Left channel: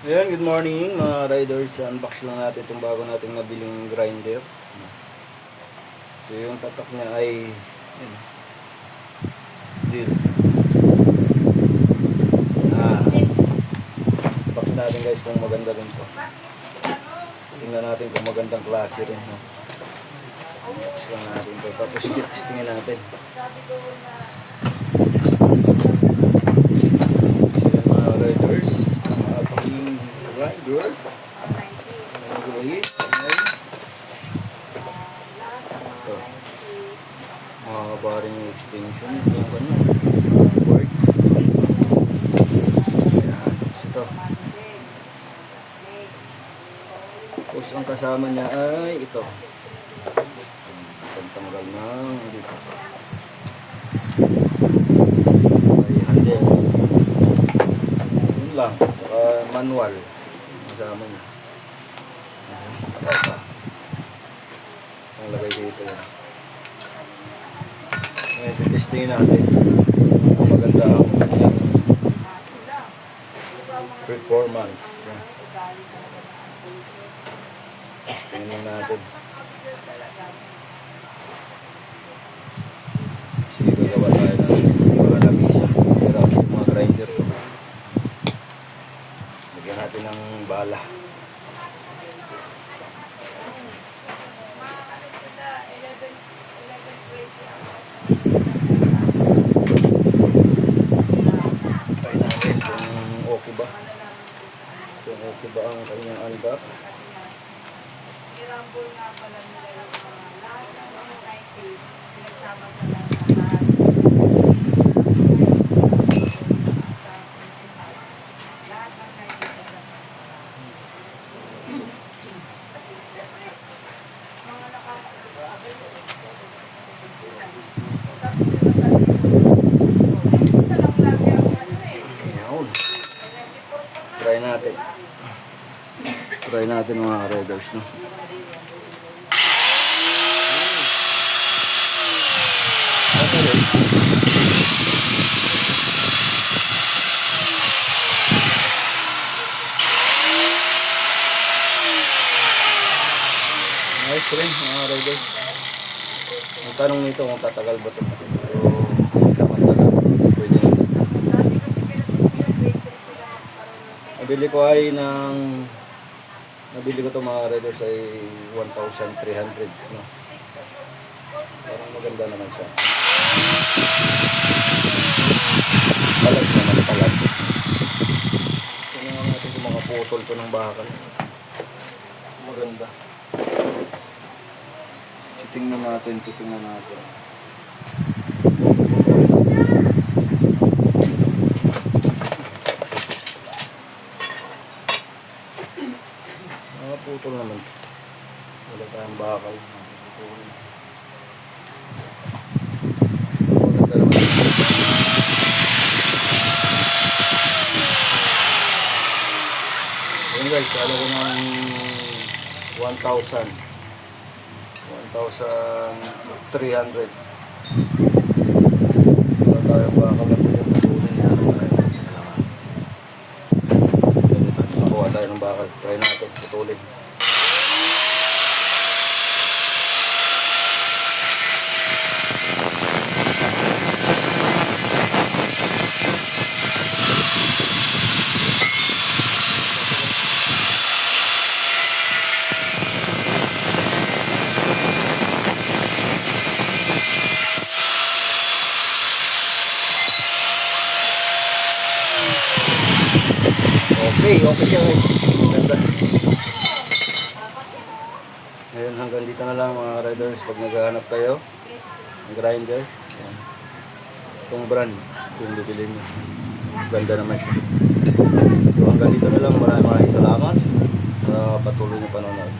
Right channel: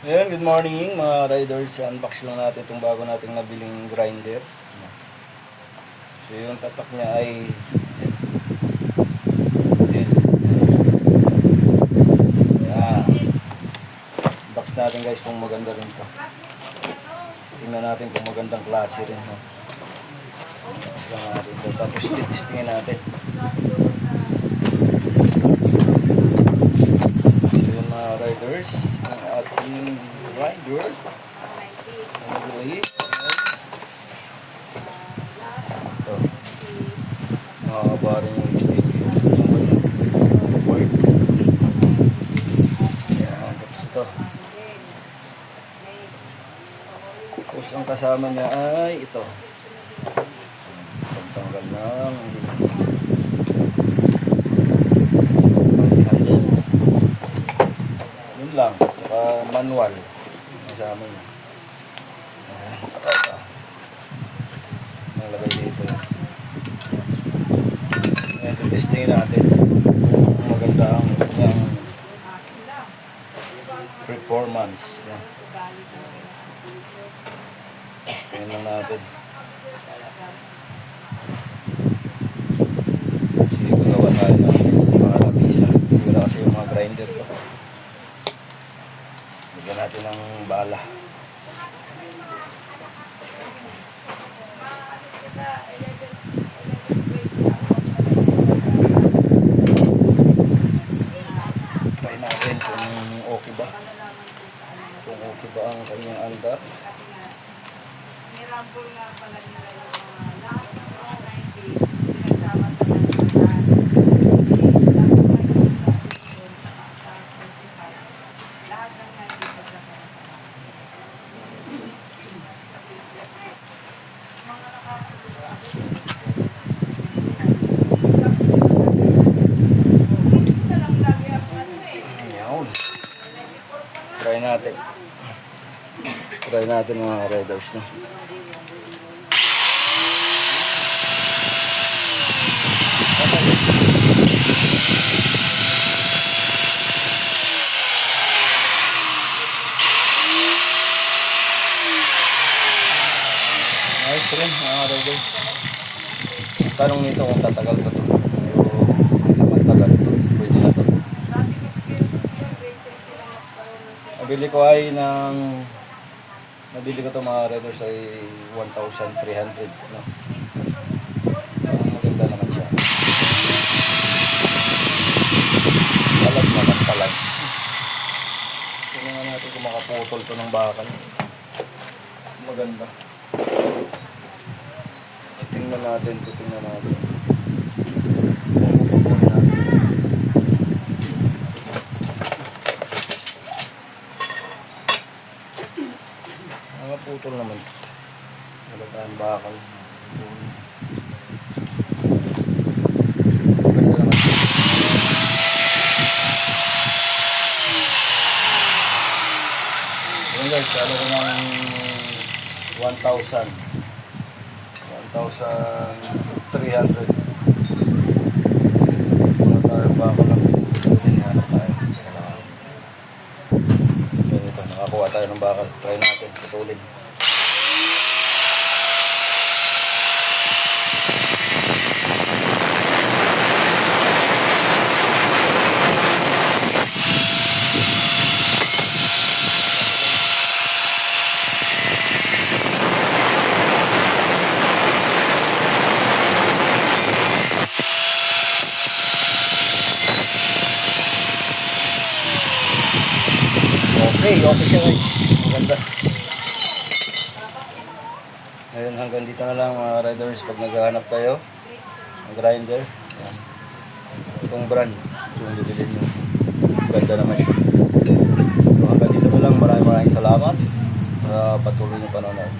Ayan, good morning mga riders. Unbox lang natin itong bago nating nabiling grinder. So yung tatak niya ay bill. Unbox natin guys kung maganda rin to. Tingnan natin kung magandang klase rin. Unbox lang natin ito. Tapos testingin natin. Ayan mga riders. Ang ating grinder. Ito. Mahaba rin yung extension. Work. Ayan. Tapos ito. Tapos ang kasama niya ay ito. Pagtanggal ng handle. Yun lang. Saka manual. Kasama niya. Saka ito. Nalagay dito yan. Ngayon, testingin natin. Maganda ang performance. Tingnan lang natin. Sige, gagawa tayo ng mga labisa. Sira kasi yung mga grinder ko. Lagyan natin ng bala. Try natin kung okay ba. Kung okay ba ang kanyang andar. Nirambol nga pala nila yung lahat ng mga 90s pinagsama sa lahat. Lahat ng 90s kasi siyempre mga nakakasigurado dito lang lagi ang ano Ayan. Try natin. Try natin mga riders na. Nice rin mga riders. Ang tanong nito kung tatagal ba ito. Sa magtagal, pwede na ito. Nabili ko ay nabili ko ito mga riders ay 1,300. No? Maganda naman siya. Talag naman, talag. Tingnan natin kung makaputol ito ng bakal. Maganda. Tingnan natin. Mga putol naman. Wala tayong bakal. Maganda naman. Yun guys, ano ko ng 1,300. Wala tayong bakal ng pinag-putulin na tayo. Nakakuha tayo ng bakal. Try natin, putulin. Okay siya guys. Ganda. Ayun, hanggang dito na lang mga riders pag naghahanap tayo ng grinder. Ayan. Itong brand, yung bibili nyo. Ganda naman siya. So hanggang dito na lang. Maraming salamat sa patuloy na panonood.